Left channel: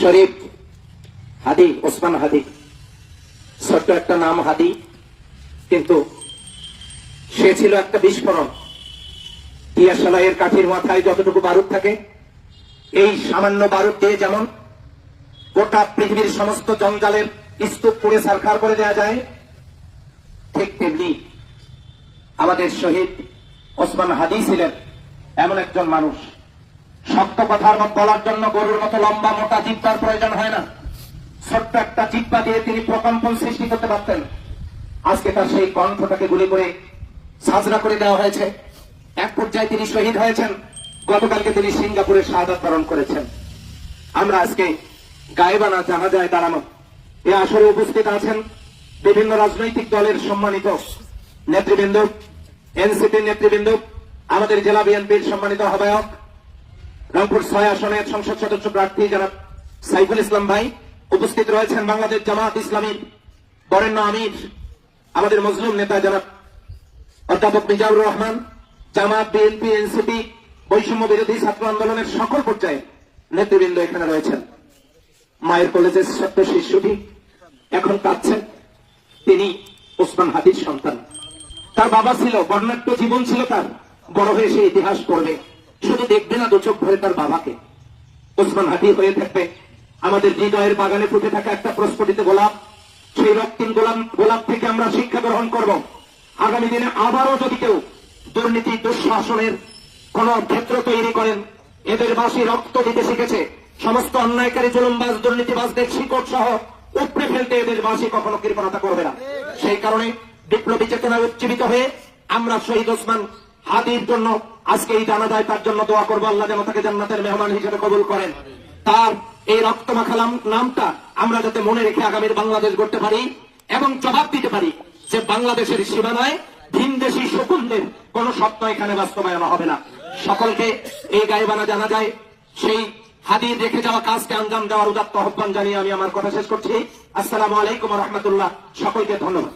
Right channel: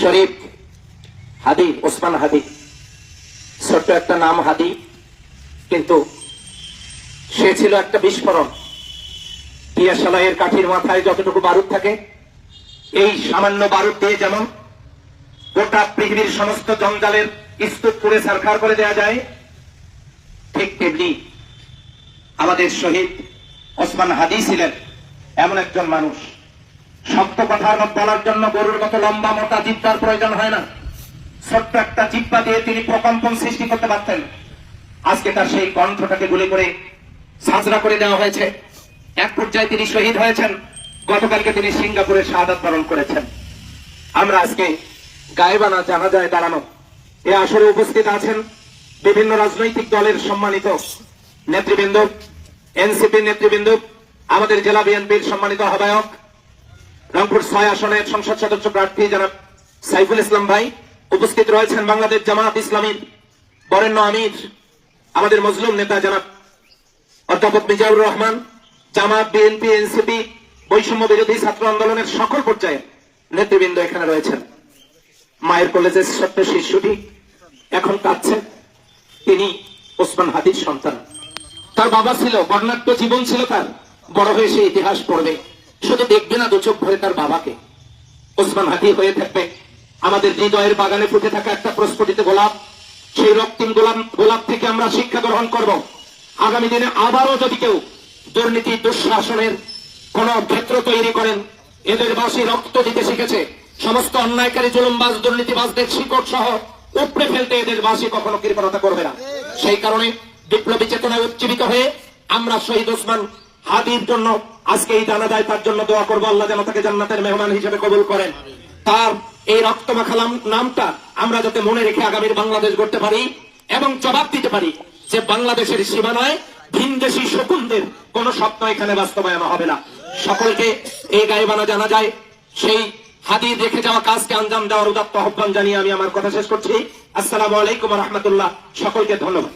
শরীফ হাদি, ওসমান হাদি। ছোট্ট একটা নাম হাদি, কিন্তু সে ছিল একটা বিস্ফোরণ। পিয়াশালাইয়ের কাঠির মাথায় যতটুকু বারুদ থাকে, এই সামান্য বারুদ দিয়ে যেমন গোটা পৃথিবীর সমস্ত জঞ্জালের স্তূপ পুড়ে সারখার করে দেওয়া যায়, ঠিক তেমনি আমাদের শহীদ ওসমান হাদি ছিলেন এমন একজন মানুষ। শক্ত কথার বলার জন্য গরুর মতো লম্বা, মোটা জিব্বার প্রয়োজন হয় না। ছোট্ট একটা জিব্বা দিয়ে তিনি প্রকম্পন সৃষ্টি করতে পারতেন। আজকে তার সেই কণ্ঠটাকে গুলি করে সাজরা করে দেওয়া হয়েছে। এক পর্যায়ে তিনি শহীদ হয়েছেন। গতকালকে তিনি সিঙ্গাপুরে শাহাদাত বরণ করেছেন। আমরা আজকে গায়েবানা জানা যায় দাঁড়ানো। এ আসরে উপস্থিত আছেন বিভিন্ন রাজনৈতিক দলের সম্মানিত নেতৃবৃন্দ এনসিপি নেতৃবৃন্দ, আমাদের জেলা বিএনপির সম্মানিত আহ্বায়ক রংপুর ছয় আসনের সংসদ সদস্য প্রার্থী জনাব সাইফুল ইসলাম ভাই উপস্থিত রয়েছেন বাংলাদেশ জামাত ইসলামীর বরেণ্য আমির, আমাদের মজলুম নেতা জনাব অধ্যাপক মিজাউর রহমান জামাত বিএনপি এনসিপি বৈষম্য বিরোধী ছাত্র আন্দোলনের সকল পর্যায়ে নেতৃবৃন্দ এখানে রয়েছেন। মায়ের কলেজের ছোট্ট শিশুটি এখন কাঁদছেন তিনি ওসমান হাদির সন্তান। তার বাবা ছিল, বর্ণাঢ্য জীবন ছিল তার। বড় হয়ে সে ইতিহাস পড়বে। শুধু দেখবে না দু চোখ ভরে তার বাবাকে। ওসমান হাদি হয়ে থাকবে। আমাদের হৃদয়ের বাগানে ফুটে থাকা একটা প্রস্ফুটিত গোলাপ। সেই রক্তিম গোলাপ গোলাপ থেকে আমরা শিক্ষা গ্রহণ করব। আগামী দিনে আবারও যদি কেউ দুর্নীতি, দুঃশাসনের কোন ক্ষেত্র তৈরি করেন, এদের বাসী রক্ত দিতে শিখেছে। সমস্ত অন্যায়কারী, জুলুমবাজ, দুর্নীতিবাজদের শিকড় সহ উপড়ে ফেলতে এদের বাসী কখনো কৃপণতা করবে না। সেই কারণে বিপ্লবী চেতনায় উজ্জীবিত হয়ে আমরা শহীদ ওসমান হাদির জন্য আজকে এই জানাজায় তার জন্য দোয়া করব, আল্লাহ যেন তাকে জান্নাতের মেহমান হিসেবে কবুল করেন। তার এই রক্ত মাখালাম নামটা আমরা যাতে মনে রেখে আগামীর বাংলাদেশ গড়তে পারি এবং জবাব দিতে পারি যে বাংলাদেশের সীমানায় ভিনদেশি শকুনদের কোন স্বপ্ন এখানে বাস্তবায়ন হবে না। সকলকে এই গাইবানা জানা যায়, সেই হাদির রেখে যাওয়া কাজকে আঞ্জাম দেওয়ার উদাত্ত আহ্বান জানিয়ে আমি আমার কথা শেষ করছি। আসসালামু আলাইকুম রহমতুল্লাহ। সকলকে ধন্যবাদ।